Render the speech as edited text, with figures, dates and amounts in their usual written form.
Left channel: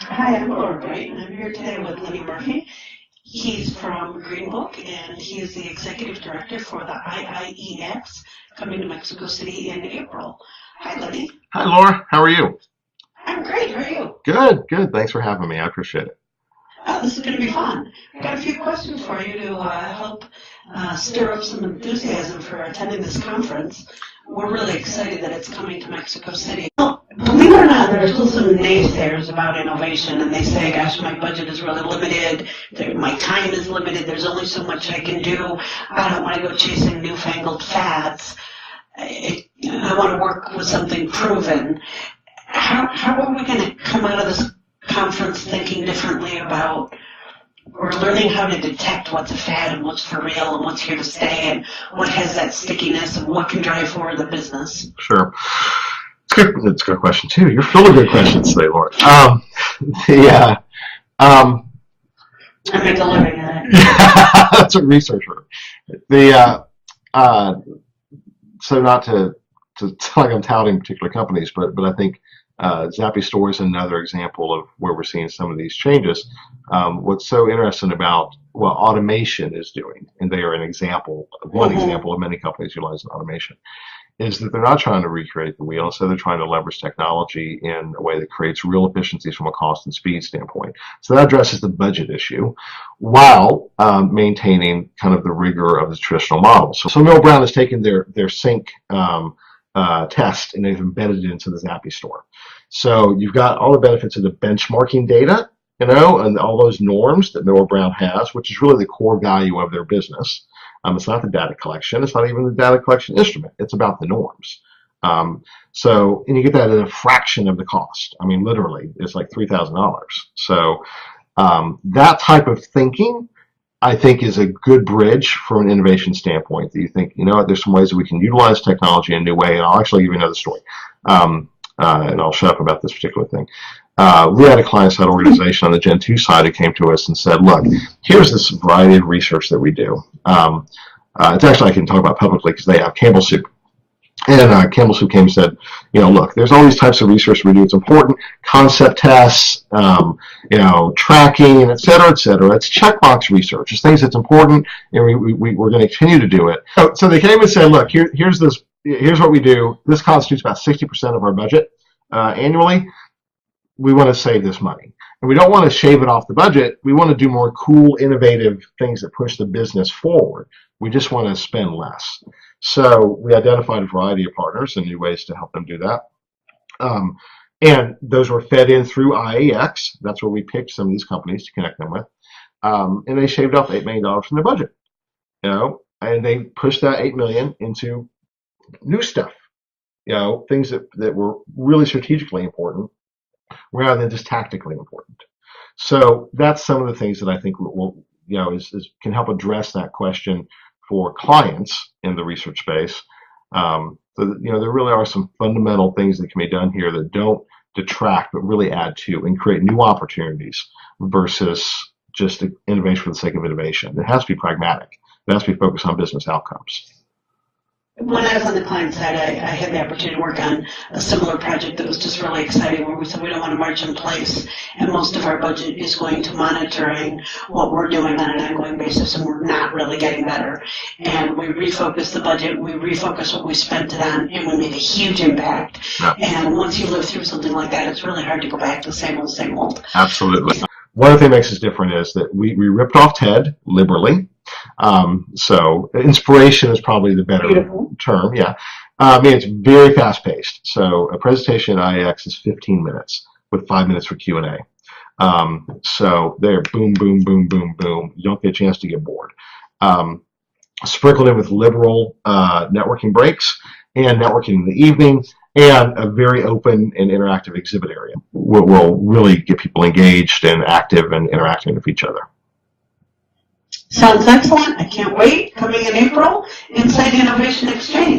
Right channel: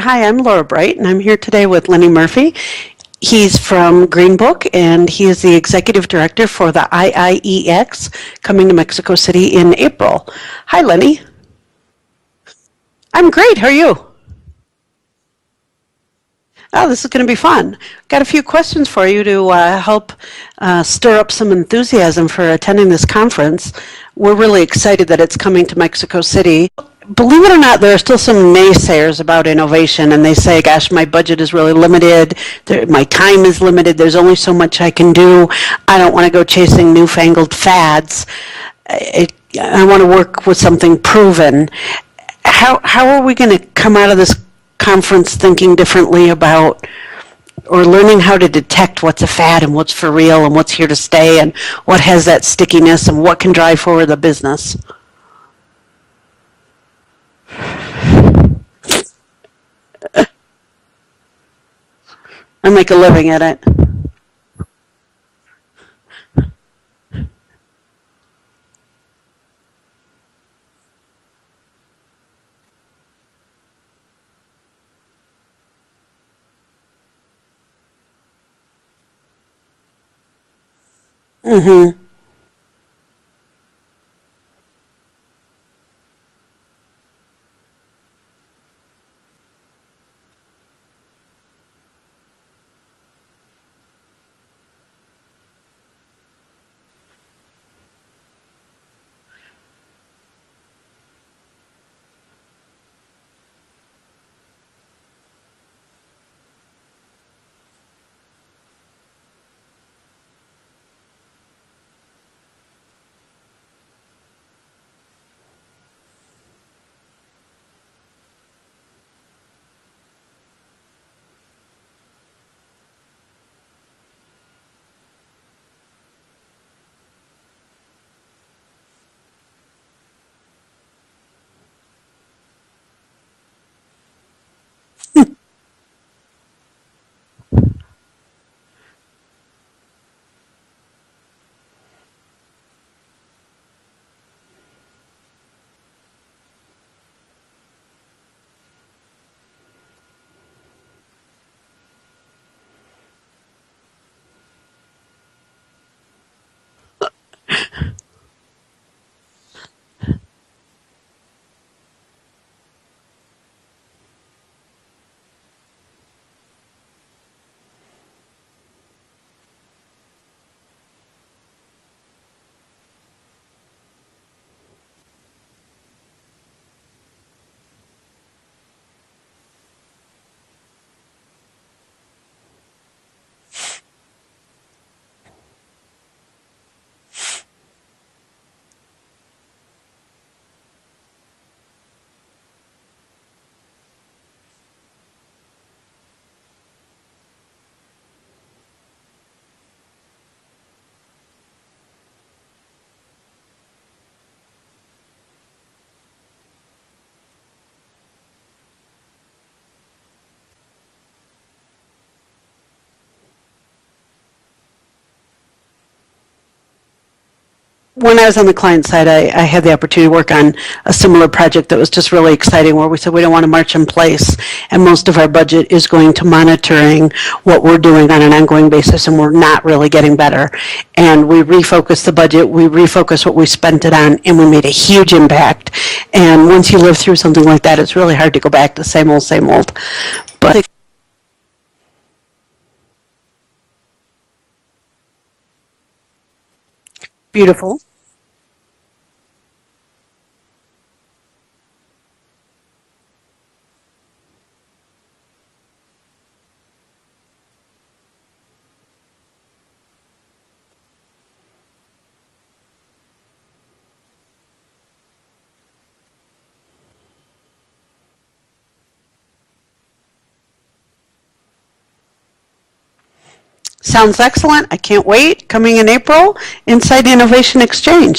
Hi, I'm Laura Bright, and I'm here today with Lenny Murphy. He's from Green Book, and he is the executive director for the IIeX coming to Mexico City in April. Hi, Lenny. Hi, Laura. How are you? I'm great. How are you? Good, good. Thanks for having me. I appreciate it. Oh, this is going to be fun. Got a few questions for you to help stir up some enthusiasm for attending this conference. We're really excited that it's coming to Mexico City. Believe it or not, there are still some naysayers about innovation, and they say, gosh, my budget is really limited, my time is limited, there's only so much I can do, I don't want to go chasing newfangled fads. I want to work with something proven. How are we going to come out of this conference thinking differently about, or learning how to detect what's a fad and what's for real and what's here to stay and what has that stickiness and what can drive forward the business? Sure. It's a good question, too. You're full of good questions today, Laura. I make a living at it. That's a researcher. So not to sound like I'm touting particular companies, but I think Zappy Store is another example of where we're seeing some of these changes. What's so interesting about what automation is doing, and they are an example, one example of many companies utilizing automation, is that they're not trying to recreate the wheel, so they're trying to leverage technology in a way that creates real efficiencies from a cost and speed standpoint. So that addresses the budget issue while maintaining kind of the rigor of the traditional model. So Mill Brown has taken their sync test and they've embedded it into the Zappy Store. So you've got all the benefits of the benchmarking data, and all those norms that Miller Brown has, which is really the core value of their business. It's not the data collection. It's not even the data collection instrument. It's about the norms. And you get that at a fraction of the cost. I mean, literally, it's like $3,000. So that type of thinking, I think, is a good bridge from an innovation standpoint. That you think, there's some ways that we can utilize technology in a new way. And I'll actually give you another story. And I'll shut up about this particular thing. We had a client-side organization on the Gen 2 side who came to us and said, look, here's this variety of research that we do. It's actually, I can talk about publicly because they have Campbell Soup. And Campbell Soup came and said, look, there's all these types of research we do. It's important. Concept tests, tracking, et cetera, et cetera. It's checkbox research. It's things that's important, and we're going to continue to do it. So they came and said, look, here's what we do. This constitutes about 60% of our budget annually. We want to save this money. And we don't want to shave it off the budget. We want to do more cool, innovative things that push the business forward. We just want to spend less. So we identified a variety of partners and new ways to help them do that. And those were fed in through IIeX. That's where we picked some of these companies to connect them with. And they shaved off $8 million from their budget. And they pushed that $8 million into new stuff. Things that were really strategically important, rather than just tactically important. So that's some of the things that I think will can help address that question for clients in the research space. So that, there really are some fundamental things that can be done here that don't detract, but really add to and create new opportunities versus just innovation for the sake of innovation. It has to be pragmatic. It has to be focused on business outcomes. When I was on the client side, I had the opportunity to work on a similar project that was just really exciting, where we said we don't want to march in place, and most of our budget is going to monitoring what we're doing on an ongoing basis, and we're not really getting better. And we refocused the budget, we refocused what we spent it on, and we made a huge impact. And once you live through something like that, it's really hard to go back to same old, same old. Absolutely. But one of the things that makes us different is that we ripped off TED liberally. So inspiration is probably the better term. Yeah. It's very fast paced. So a presentation at IIeX is 15 minutes with 5 minutes for Q&A. So they're boom, boom, boom, boom, boom. You don't get a chance to get bored. Sprinkled in with liberal networking breaks and networking in the evening, and a very open and interactive exhibit area will really get people engaged and active and interacting with each other. Sounds excellent. I can't wait. Coming in April, Inside Innovation Exchange.